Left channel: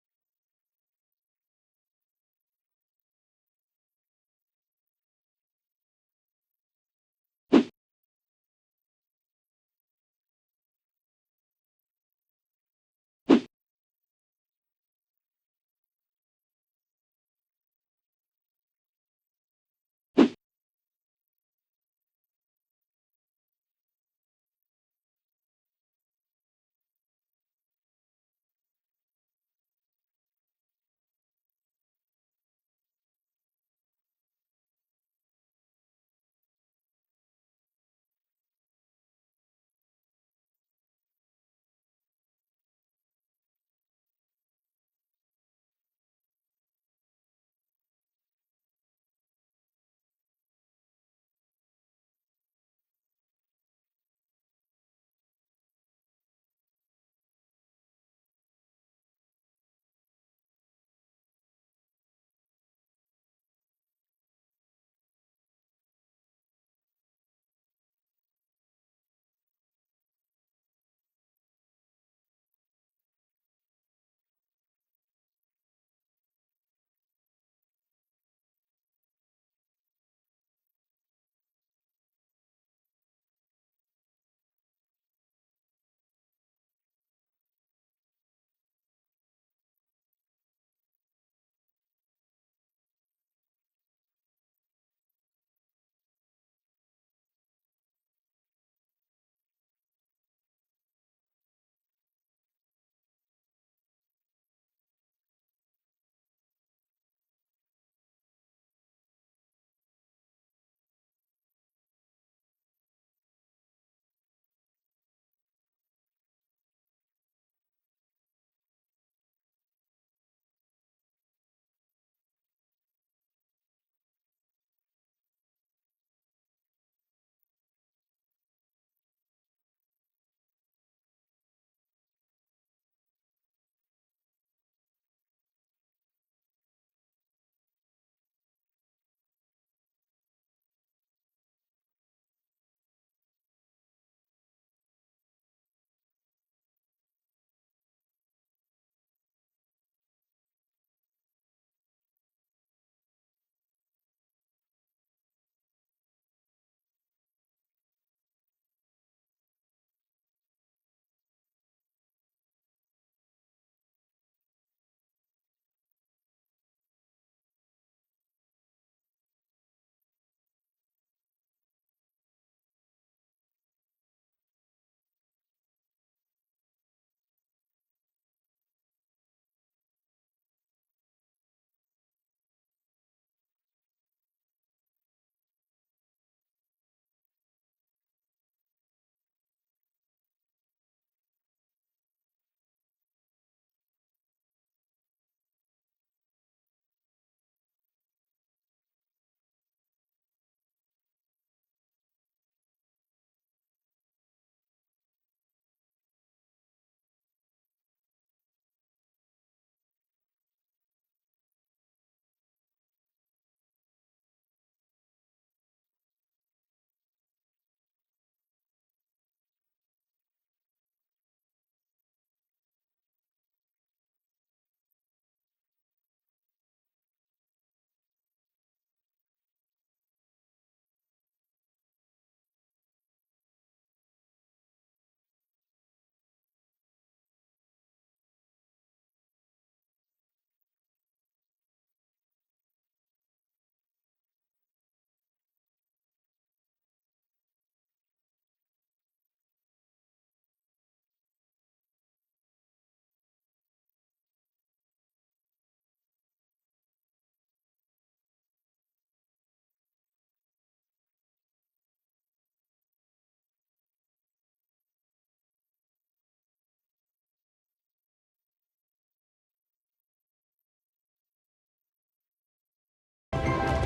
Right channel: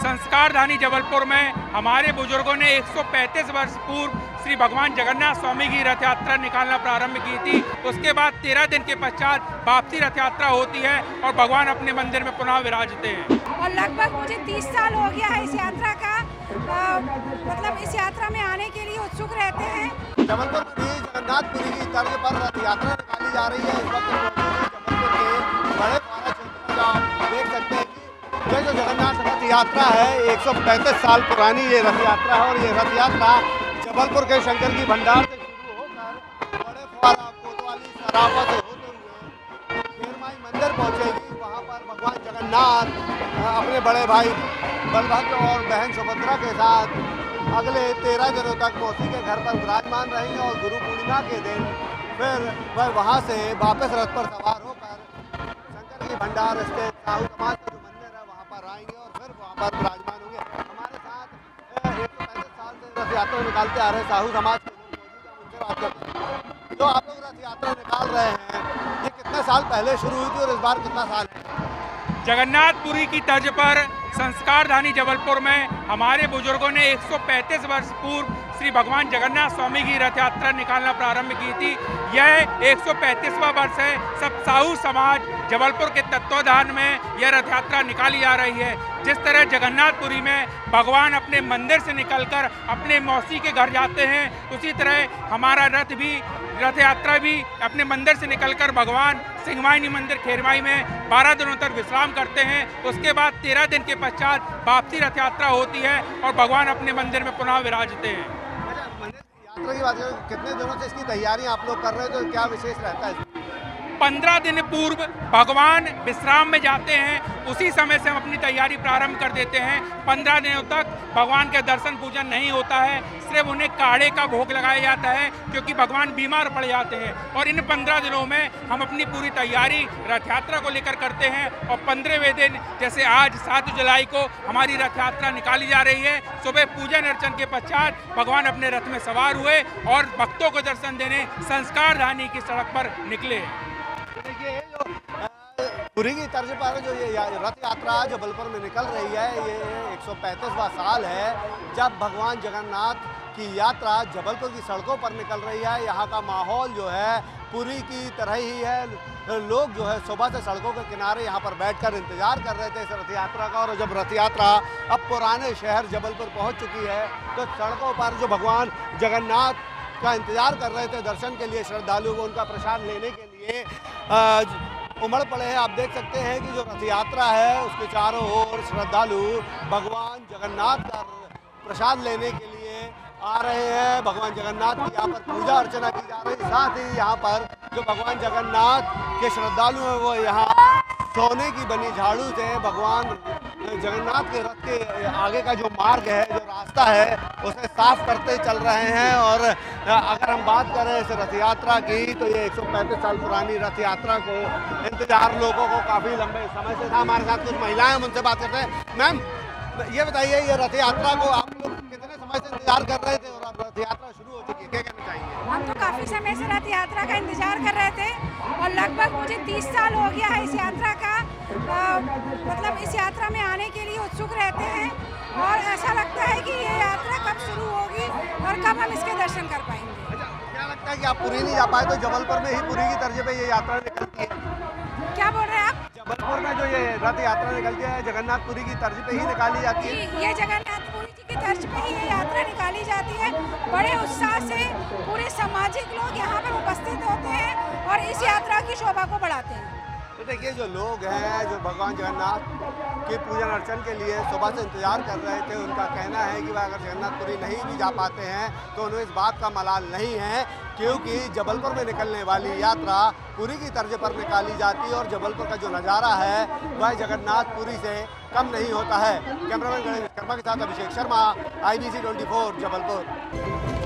संस्कारधानी जबलपुर में हमारे बुजुर्गों ने 135 वर्ष पूर्व श्री भगवान जगन्नाथ स्वामी की रथ यात्रा निकालना प्रारंभ की थी। उसके बाद 13 दिन के पश्चात वापसी रथ यात्रा होती है और भगवान अपने मंदिर में पुनः विराजते हैं। और लगभग मुझे 30 साल हो गया है इस यात्रा का। मतलब इस यात्रा में आने के लिए उत्सुक रहते हैं। जबलपुर में जगन्नाथपुरी की तर्ज पर रथ यात्रा निकाली जा रही है। इस वक्त जबलपुर के बड़े पारा क्षेत्र में आप देख सकते हैं कि ये जो जगन्नाथ रथ यात्रा है 135 साल पुरानी ये रथ यात्रा है। और ये रथ यात्रा जबलपुर के शंकर की भंडार से शुरू होकर बड़े फुआरा कोतवाली सराफा से होते हुए खेरमाई मंदिर पहुंचेगी। वहां पर भगवान जगन्नाथ अपने बड़े भाई बलभद्र और बहन सुभद्रा के साथ अगले 13 दिनों तक मौसी के घर पर विराजमान रहेंगे। और गुरु पूर्णिमा के दिन फिर वह वहाँ से वापस रथ पर सवार होकर शंकर की भंडार स्थित साहू समाज का जो मंदिर है वहाँ पर आएंगे और फिर वहाँ पर विराजमान होंगे। हमारे साथ 135 साल से रथ यात्रा निकालते आ रहे साहू समाज के लोग मौजूद हैं, उनसे बात करते हैं। जो आप लोग रथ यात्रा निकाल रहे हैं ये कितने साल पहले शुरू हुई थी और इस बार कितना साल है? जगन्नाथपुरी की तर्ज पर संस्कारधानी जबलपुर में हमारे बुजुर्गों ने 135 वर्ष पूर्व श्री भगवान जगन्नाथ स्वामी की रथ यात्रा निकालना प्रारंभ की थी। यह 135वां वर्ष है। सब साहू समाज जबलपुर के तत्वाधान में यह रथ यात्रा निकाली जा रही है। जिस तरह जगन्नाथपुरी में भगवान अपने मंदिर से निकलकर अपने मौसी के घर जाते हैं, उसी तरह हमारा रथ यात्रा भी अपने मंदिर से निकलकर भगवान सिंहवाहिनी मंदिर खेरमाई में 12 दिनों तक विश्राम करते हैं। उसके बाद 13 दिन के पश्चात वापसी रथ यात्रा होती है और भगवान अपने मंदिर में पुनः विराजते हैं। मंदिर की यात्रा की बात करें कितने दिनों से इसकी तैयारी आप लोग कर रहे हो तो क्या विशेष रहता है? 15 दिन पूर्व भगवान विश्राम में जाते हैं, उसी समय से हम अपनी तैयारी प्रारंभ कर देते हैं। 15 दिनों तक भगवान के दर्शन पूजन नहीं होता है, सिर्फ उन्हें काढ़े का भोग लगाया जाता है क्योंकि भगवान बीमार पड़ जाते हैं। और इन 15 दिनों में हम अपनी पूरी तैयारी रथ यात्रा को लेकर करते हैं। और 15वें दिन जैसे आज 7 जुलाई को हमारी रथ यात्रा निकाली जा रही है। सुबह पूजन अर्चन के पश्चात भगवान अपने रथ में सवार हुए और भक्तों को दर्शन देने संस्कारधानी की सड़क पर निकले। देखिए जो पुरी की तर्ज पर जो ये रथ यात्रा जबलपुर में निकल रही है ये 135वां साल है जब भगवान जगन्नाथ की यात्रा जबलपुर की सड़कों पर निकल रही है। यहाँ का माहौल जो है पुरी की तरह ही है। लोग जो है सुबह से सड़कों के किनारे यहाँ पर बैठकर इंतजार कर रहे थे इस रथ यात्रा का। और जब रथ यात्रा अब पुराने शहर जबलपुर पहुँच चुकी है तो सड़कों पर जो भगवान जगन्नाथ का इंतजार कर रहे थे दर्शन के लिए श्रद्धालु को उनका प्रसाद लेने के लिए उमड़ पड़े हैं। आप देख सकते हैं कि जो रथ यात्रा है उसके चारों ओर श्रद्धालु भगवान जगन्नाथ का प्रसाद लेने के लिए आ रहे हैं। भगवान जगन्नाथ की यहाँ पर पूजा अर्चना की जा रही है। साथ ही यहाँ पर जो भगवान जगन्नाथ के श्रद्धालु हैं वो यहाँ सोने की बनी झाड़ू से भगवान जगन्नाथ के रथ के आगे का जो मार्ग है जो रास्ता है उसे साफ करते चल रहे हैं। और अगर हम बात करें इस रथ यात्रा की तो ये 135 साल पुरानी रथ यात्रा को इंतजार लोगों को काफ़ी लंबे समय से था। हमारे साथ कुछ महिलाएं हम उनसे बात करते हैं। मैम ये बताइए ये रथ यात्रा को आप लोग कितने समय से इंतजार कर रहे थे और अब रथ यात्रा शुरू हो चुकी है, क्या कहना चाहिए? हम तो काफ़ी समय से रथ यात्रा का इंतजार कर रहे थे और लगभग मुझे 30 साल हो गया है इस यात्रा का। मतलब इस यात्रा में आने के लिए उत्सुक रहते हैं और ऐसा लगता है कि ये यात्रा कब शुरू होगी और कब हम इसके दर्शन कर पाएंगे। अच्छा, क्या लगता है कि आप पुरी नहीं जा पाए तो जबलपुर में ही पुरी की तर्ज पे ये यात्रा निकलती है? क्या बोल रहे हैं आप? जबलपुर में जो ये रथ यात्रा निकलती है जगन्नाथपुरी की तर्ज पे ही निकाली जाती है? ये जगन्नाथपुरी जी की तर्ज पे ही ये यात्रा निकाली जाती है। बड़े उत्साह से पूरे सामाजिक लोग यहाँ पर उपस्थित होते हैं और इस यात्रा की शोभा को बढ़ाते हैं। तो देखिए जो लोग हैं जो भगवान जगन्नाथ के पूजन अर्चन के लिए सुबह से इंतजार कर रहे थे उनका कहना है कि वह अगर जगन्नाथपुरी नहीं भी जा पाते हैं तो उन्हें इस बात का मलाल नहीं है क्योंकि जबलपुर में निकलने वाली यात्रा पुरी की तर्ज पर निकाली जाती है। और जबलपुर का जो नज़ारा है वह जगन्नाथपुरी से कम नहीं होता है। कैमरामैन गणेश कर्मा के साथ अभिषेक शर्मा, IBC 24 जबलपुर।